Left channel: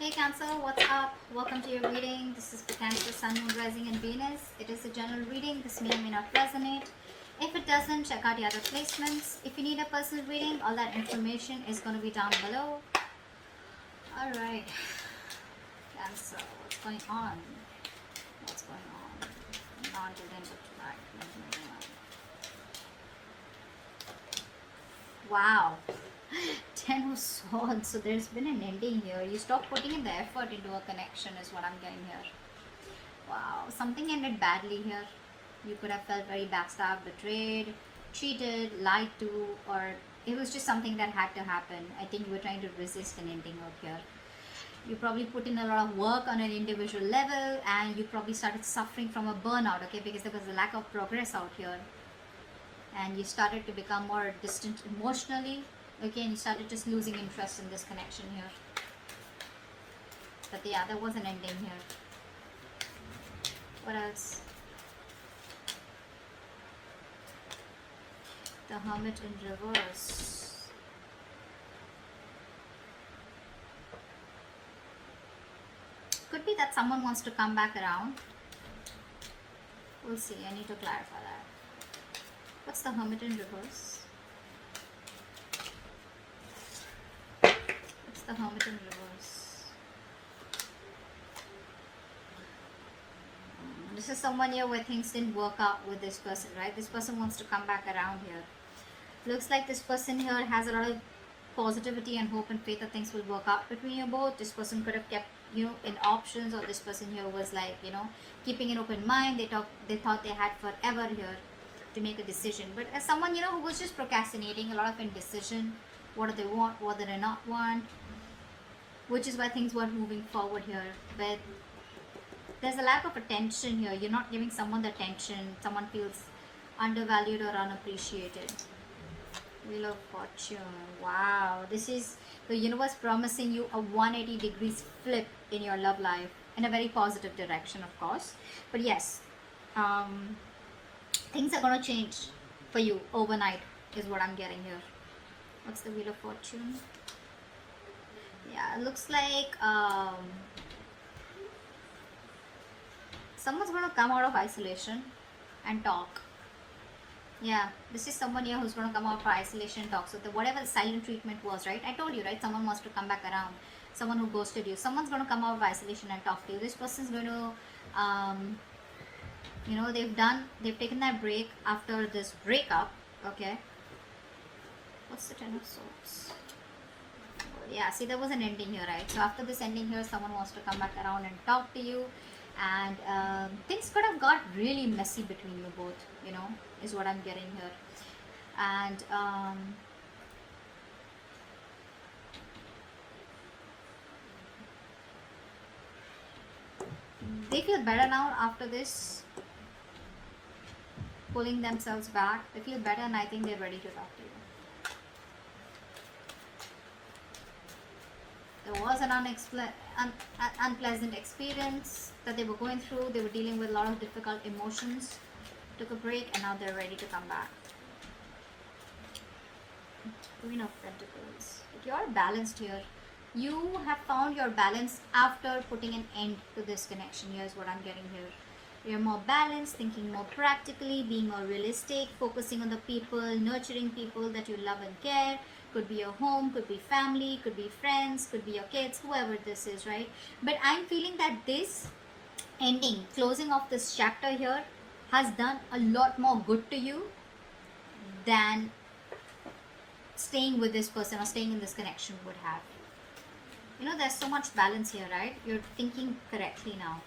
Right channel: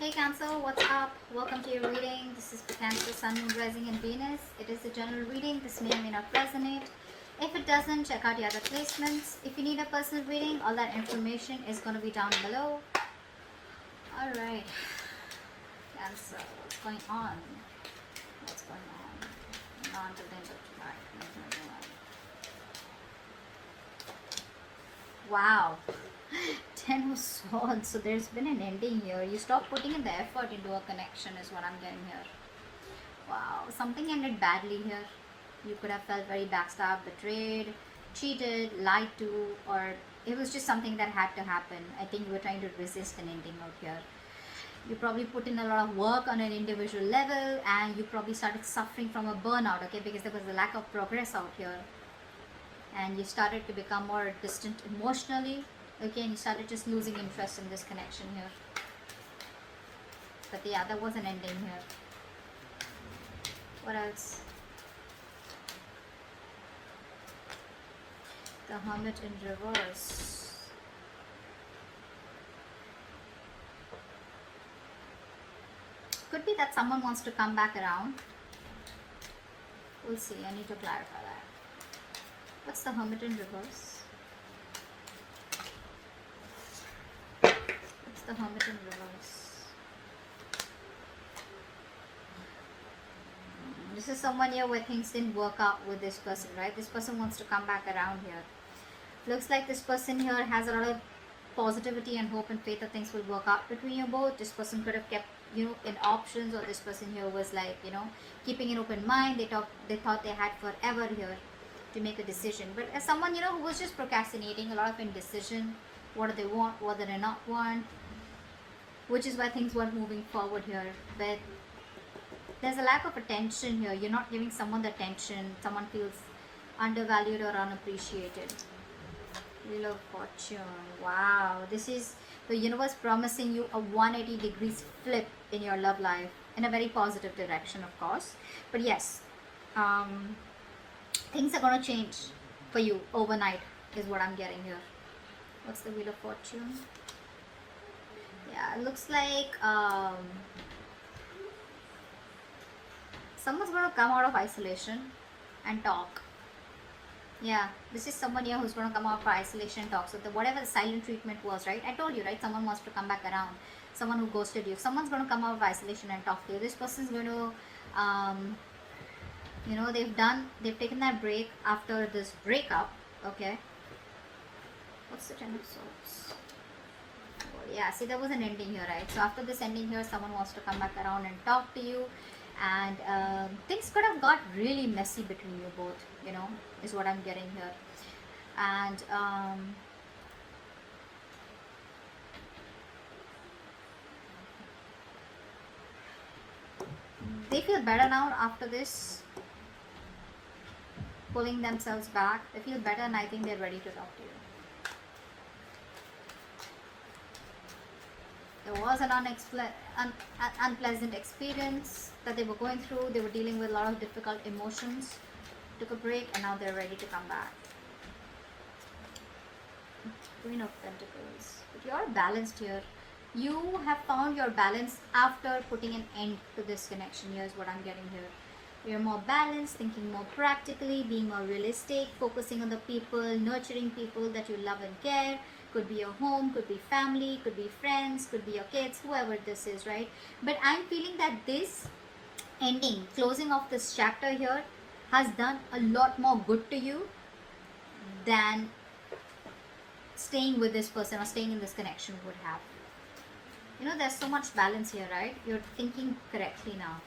Hey Cancer, what's up? Welcome to your reading. This is the Cancer, Sun, Moon, Rising, and Venus. It is a general reading. This may or may not resonate. If it doesn't, check out the other placements. If you need a personal reading, all that information is going to be down below. Alright. Cancer, what's going on? What's going on? On to the Wow. 10 of Swords. So there's been an ending here. You stop putting in the effort into a connection is what I'm getting here. Wow. Something ended badly here. You could have felt very backstabbed, betrayed, cheated, lied to, or it was just something that had to happen. I think you were trying to resist an ending out here. You probably put in a lot of work on an individual level and you probably started suffering from a burnout, okay, because there was a lack of progress out here. And you started to become more distant emotionally, okay, and you started just losing interest in this connection here. But yeah, there was an ending here. What else? The Hermit in reverse. Could be that someone wants to come back around. We'll see. I need to clarify that. What's the Hermit in reverse? What's the Hermit in reverse? This is someone here where things didn't work out with this person, right? This person wants to come back around here. Looks like this person here has a lot of positivity and hope and faith that things will work out between you both. This person could have kept you in options, or this person here was like, keeping an open mind. They thought they had forever here to make a decision. But as someone, who was just procrastinating, a lot of indecision, what do they want, what do they not want, which is why things weren't moving forward here. But there's a lack of attention here. You're not giving someone the attention. Someone feels undervalued or unappreciated. Wheel of Fortune. Wow. This is the universe promising you a 180 degrees flip in your love life, in a very positive direction, of course. But yes, things are going to change for you overnight is what I'm getting here. What's the Wheel of Fortune? Yeah, it looks like someone's going to come out of isolation and talk. Yeah, this is someone here who's going to come out of isolation and talk. So whatever the silent treatment was, right? I told you, right? Someone wants to come back around. Someone who ghosted you. Someone's going to come out of isolation and talk to you. This person's going to, they've taken that break after this breakup. Okay. What's the Ten of Swords? Yeah, see, there was an ending here, right? So after this ending here, someone wants to come back around and talk to you. And things could have got really messy between you both, is what I'm getting here. And they feel better now after this, pulling themselves back. They feel better and I think they're ready to talk to you. There was an unpleasant experience that they were going through. They were dealing with a lot of difficult emotions. Took a break and now they're ready to come back. Queen of Pentacles. But you're balanced here. You have found your balance after putting an end to this connection. Here's what I'm getting here. You're more balanced, thinking more practically, being more realistic, focusing on the people, nurturing people that you love and care. Could be your home, could be family, could be friends, could be your kids, whoever this is, right? But I'm feeling that this ending, closing off this chapter here, has done a lot more good to you than staying with this person or staying in this connection would have. There's so much balance here, right? You're thinking correctly now.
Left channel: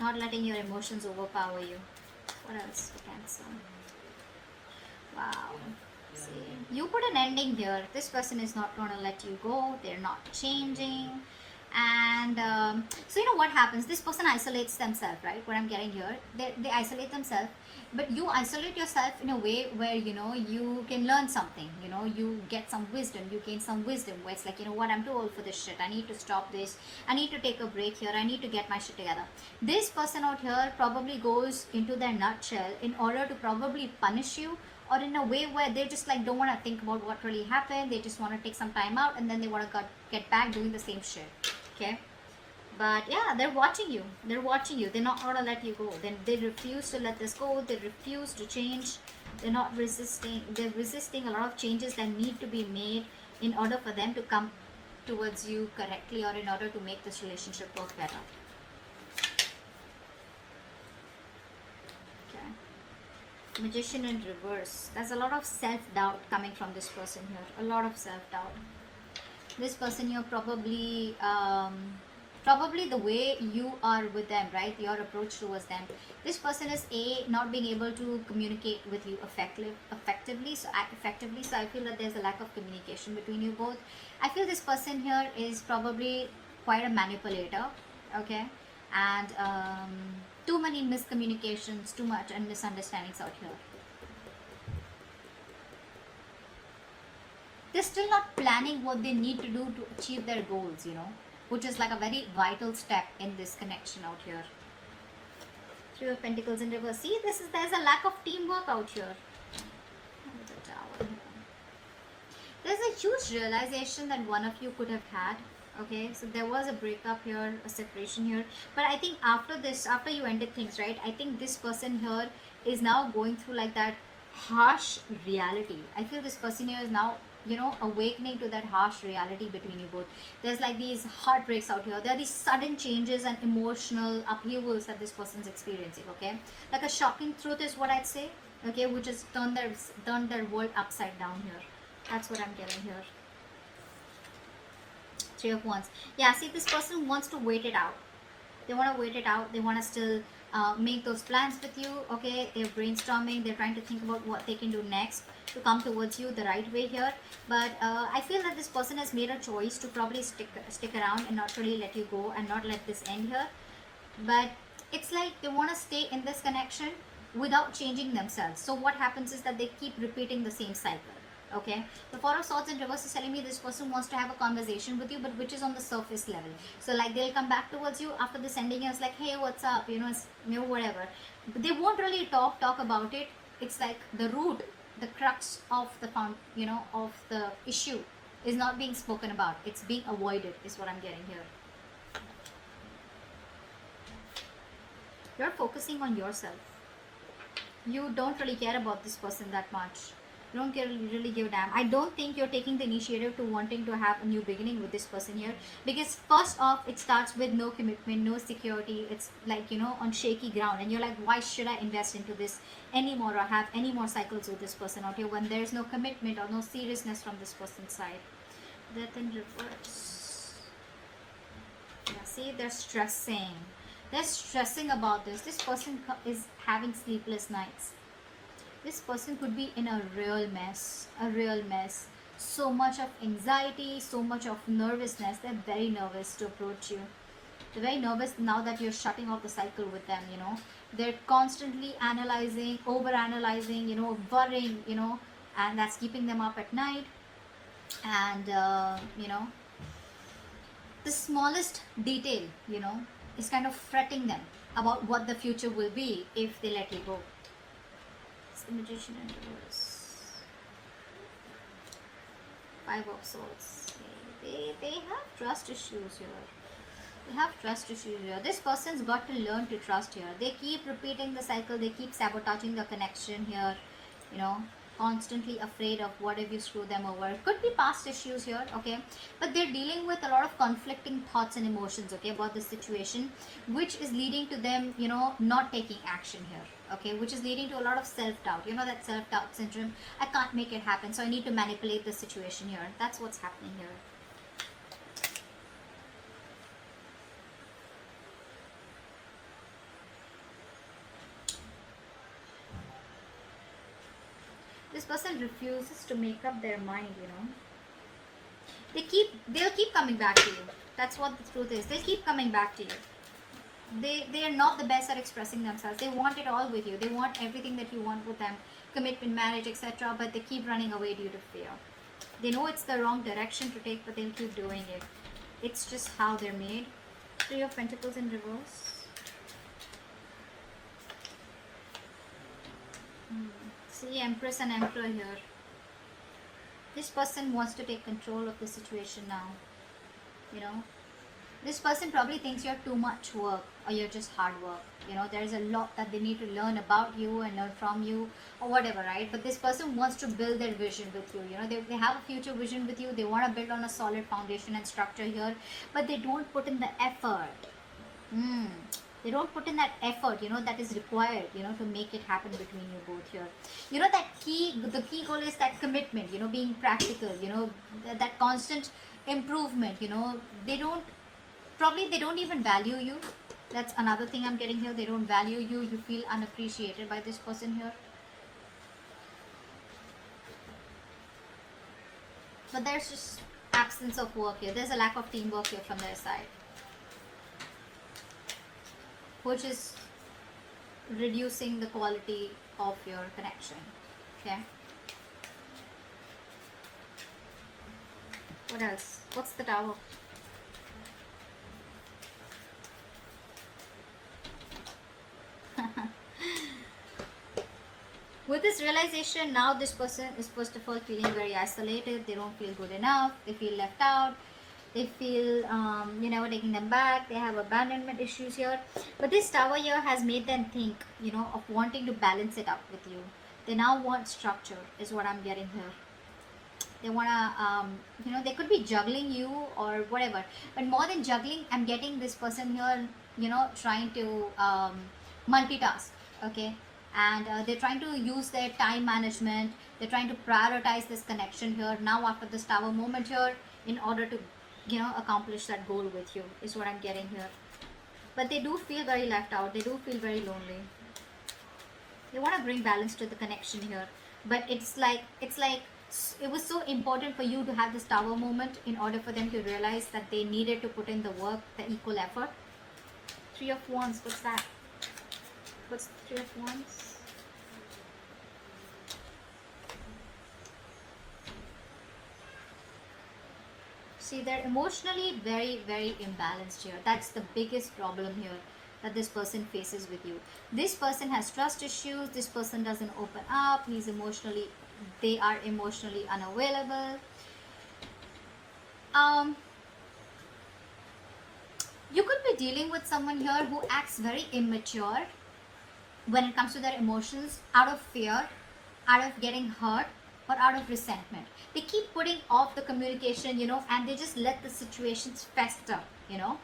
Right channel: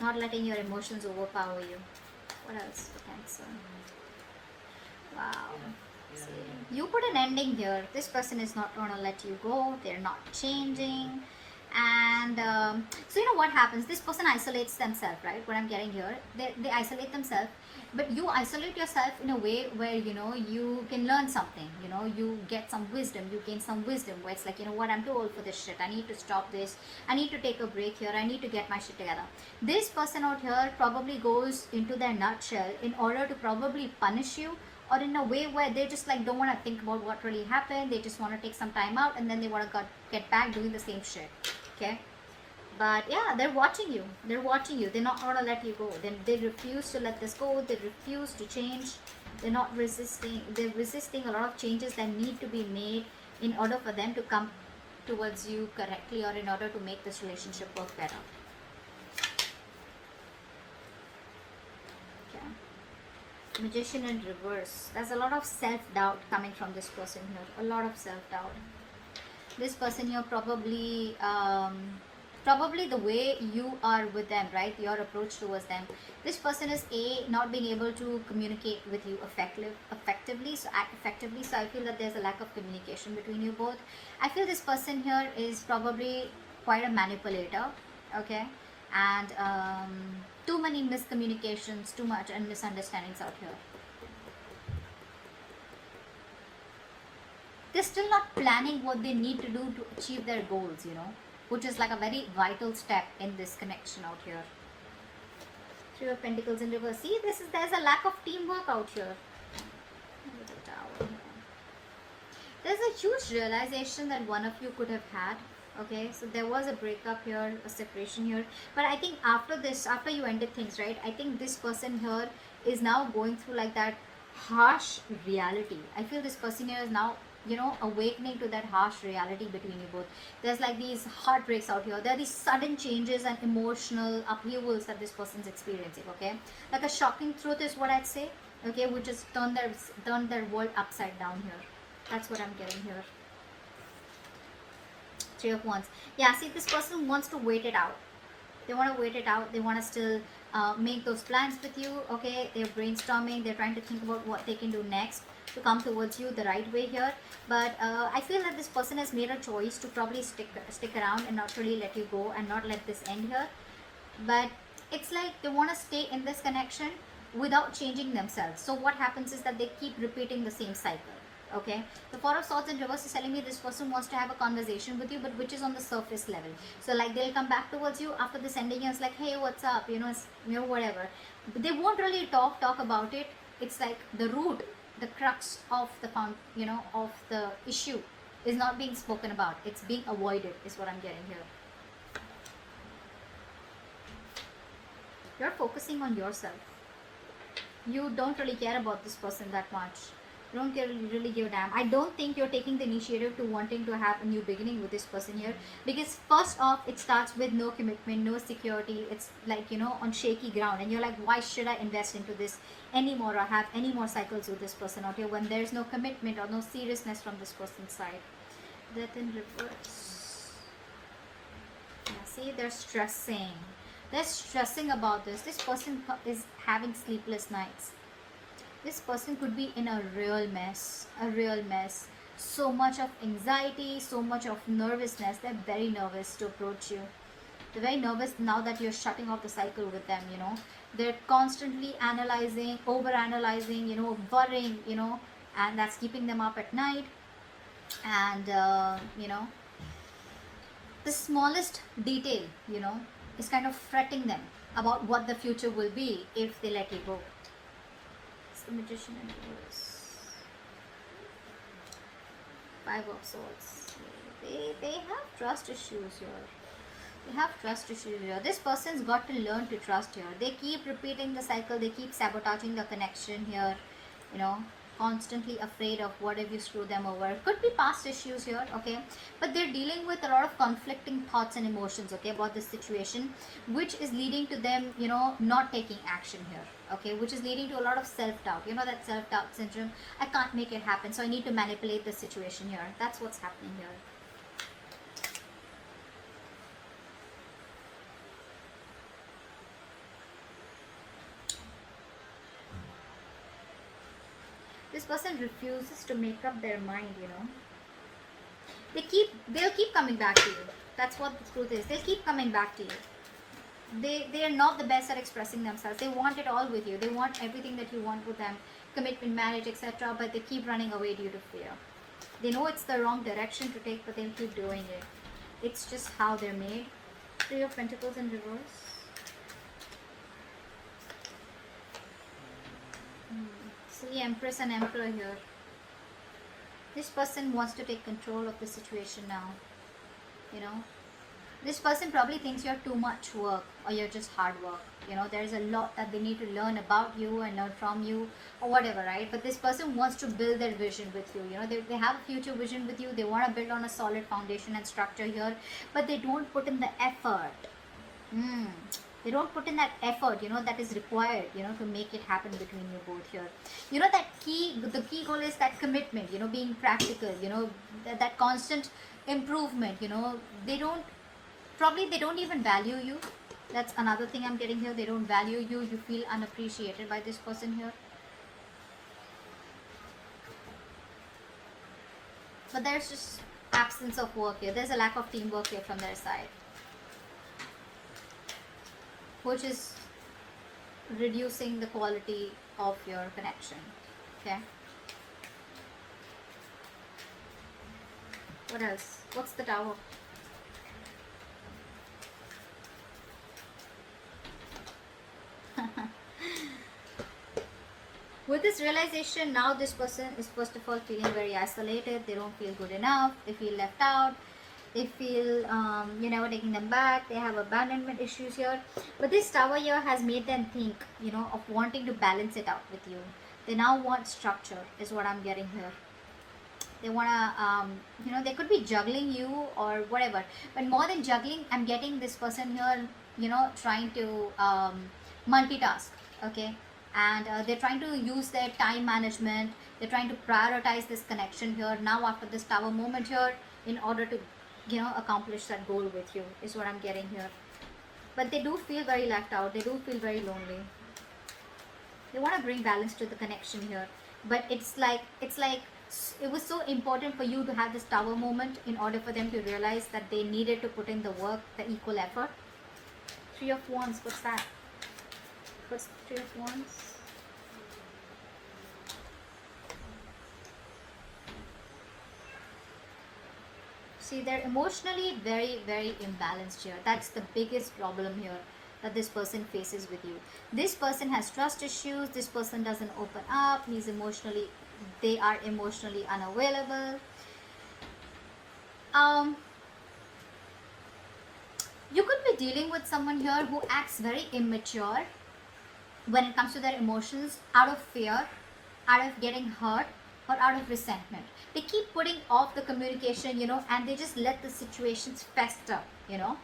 Not letting your emotions overpower you. What else? Cancer. Wow. See, you put an ending here. This person is not going to let you go. They're not changing. And so what happens, this person isolates themselves, right? What I'm getting here, they isolate themselves, but you isolate yourself in a way where you can learn something, you get some wisdom, you gain some wisdom where it's like, what, I'm too old for this shit, I need to stop this, I need to take a break here, I need to get my shit together. This person out here probably goes into their nutshell in order to probably punish you or in a way where they just like don't want to think about what really happened. They just want to take some time out and then they want to get back doing the same shit. Okay. But yeah, they're watching you. They're watching you. They're not gonna let you go. Then they refuse to let this go. They refuse to change. They're not resisting. They're resisting a lot of changes that need to be made in order for them to come towards you correctly, or in order to make this relationship work better. Okay. Magician in reverse. There's a lot of self-doubt coming from this person here. A lot of self-doubt. This person here probably the way you are with them, right? Your approach towards them. This person is not being able to communicate with you effectively. So I feel that there's a lack of communication between you both. I feel this person here is probably quite a manipulator, okay? And too many miscommunications, too much and misunderstandings out here. They're still not planning what they need to do to achieve their goals, which is like a very vital step in this connection out here. Three of Pentacles in reverse. See, there's a lack of teamwork out here. There's a huge realization that one of you could have had. Okay, so there was a breakup here, a separation here. But I think after you ended things, right? I think this person here is now going through like that harsh reality. I feel this person here is now awakening to that harsh reality between you both. There's like these heartbreaks out here. There are these sudden changes and emotional upheavals that this person's experiencing, okay? Like a shocking truth is what I'd say, okay? Which has turned their world upside down here. That's what I'm getting here. Three of Wands. Yeah, see, this person wants to wait it out. They want to wait it out. They want to still make those plans with you, okay? They're brainstorming. They're trying to think about what they can do next to come towards you the right way here. But I feel that this person has made a choice to probably stick around and not really let you go and not let this end here. But it's like they want to stay in this connection without changing themselves. So what happens is that they keep repeating the same cycle. Okay, the Four of Swords in reverse is telling me this person wants to have a conversation with you, but which is on the surface level. So like they'll come back towards you after this ending and it's like, hey, what's up, whatever. But they won't really talk about it. It's like the root, the crux of the of the issue is not being spoken about. It's being avoided is what I'm getting here. You're focusing on yourself. You don't really care about this person that much. You don't really give a damn. I don't think you're taking the initiative to wanting to have a new beginning with this person here, because first off, it starts with no commitment, no security. It's like on shaky ground, and you're like, why should I invest into this anymore or have any more cycles with this person out here when there's no commitment or no seriousness from this person's side? Death in reverse. Yeah, see, they're stressing. They're stressing about this. This person is having sleepless nights. This person could be in a real mess. So much of anxiety, so much of nervousness. They're very nervous to approach you. They're very nervous now that you're shutting off the cycle with them, They're constantly analyzing, over-analyzing, worrying, and that's keeping them up at night. And, the smallest detail, is kind of fretting them about what the future will be if they let you go. The Magician in reverse. Five of Swords. They have trust issues here. They have trust issues here. This person's got to learn to trust here. They keep repeating the cycle. They keep sabotaging the connection here. Constantly afraid of what if you screw them over. Could be past issues here, okay? But they're dealing with a lot of conflicting thoughts and emotions, okay, about the situation, which is leading to them, not taking action here. Okay, which is leading to a lot of self-doubt. That self-doubt syndrome. I can't make it happen, so I need to manipulate the situation here. That's what's happening here. This person refuses to make up their mind, They'll keep coming back to you. That's what the truth is. They'll keep coming back to you. They are not the best at expressing themselves. They want it all with you. They want everything that you want with them, commitment, marriage, etc. But they keep running away due to fear. They know it's the wrong direction to take, but they'll keep doing it. It's just how they're made. Three of Pentacles in reverse. See, Empress and Emperor here. This person wants to take control of the situation now. You know, this person probably thinks you're too much work or you're just hard work. You know, there's a lot that they need to learn about you and learn from you or whatever, right? But this person wants to build their vision with you. You know, they have a future vision with you. They want to build on a solid foundation and structure here, but they don't put in the effort. They don't put in that effort, you know, that is required, you know, to make it happen between you both here. You know, the key goal is that commitment, you know, being practical, you know, that constant improvement, you know. They don't even value you. That's another thing I'm getting here. They don't value you. You feel unappreciated by this person here. But there's just absence of work here. There's a lack of teamwork here from their side, which is reducing the quality of your connection. Okay. What else? What's the Tower? With this realization, now this person is first of all feeling very isolated. They don't feel good enough. They feel left out. They feel you're never taking them back. They have abandonment issues here. But this Tower here has made them think, you know, of wanting to balance it out with you. They now want structure, is what I'm getting here. They want to, you know, they could be juggling you or whatever. But more than juggling, I'm getting this person here, you know, trying to multitask, okay? And they're trying to use their time management. They're trying to prioritize this connection here now after this Tower moment here in order to, you know, accomplish that goal with you, is what I'm getting here. But they do feel very left out. They do feel very lonely. They want to bring balance to the connection here, but it's like it was so important for you to have this Tower moment in order for them to realize that they needed to put in the work, the equal effort. Three of Wands, what's that? What's the Three of Wands? See, they're emotionally very, very imbalanced here. That's the biggest problem here that this person faces with you. This person has trust issues. This person doesn't open up. They are emotionally unavailable. You could be dealing with someone here who acts very immature when it comes to their emotions, out of fear, out of getting hurt, or out of resentment. They keep putting off the communication, you know, and they just let the situations fester, you know.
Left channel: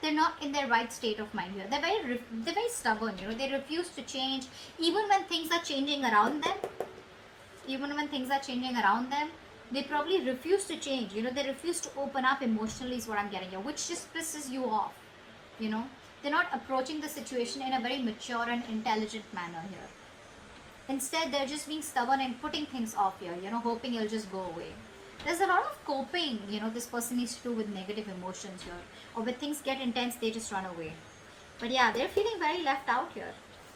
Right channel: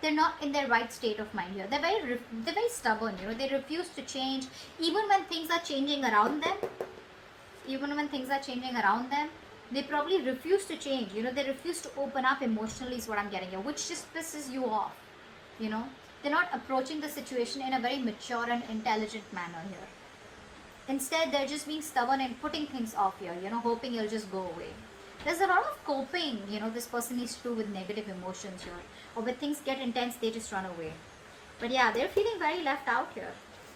They're not in their right state of mind here. They're very stubborn, you know. They refuse to change even when things are changing around them. They probably refuse to change, you know. They refuse to open up emotionally, is what I'm getting here, which just pisses you off, you know. They're not approaching the situation in a very mature and intelligent manner here. Instead, they're just being stubborn and putting things off here, you know, hoping you'll just go away. There's a lot of coping, you know, this person needs to do with negative emotions here. Or when things get intense, they just run away. But yeah, they're feeling very left out here.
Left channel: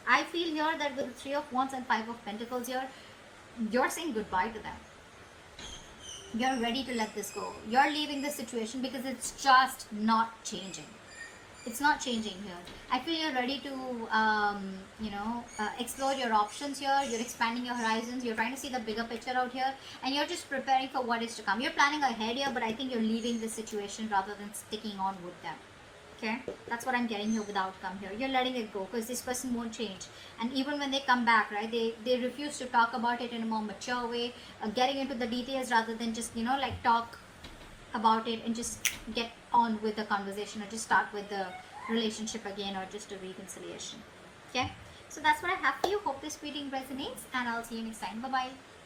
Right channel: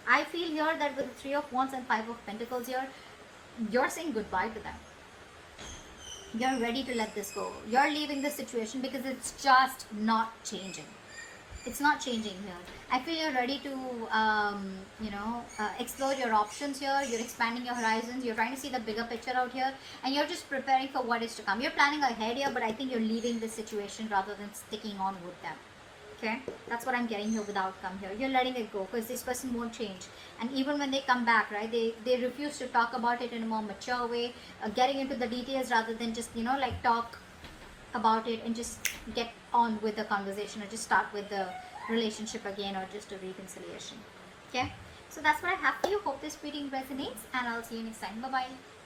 I feel here that with the Three of Wands and Five of Pentacles here, you're saying goodbye to them. You're ready to let this go. You're leaving the situation because it's just not changing. It's not changing here. I feel you're ready to, explore your options here. You're expanding your horizons. You're trying to see the bigger picture out here. And you're just preparing for what is to come. You're planning ahead here, but I think you're leaving the situation rather than sticking on with them. Okay? That's what I'm getting here with the outcome here. You're letting it go because this person won't change. And even when they come back, right, they refuse to talk about it in a more mature way, getting into the details rather than just, you know, like talk about it and just get on with the conversation or just start with the relationship again or just a reconciliation. Okay, so that's what I have for you. Hope this reading resonates and I'll see you next time. Bye bye.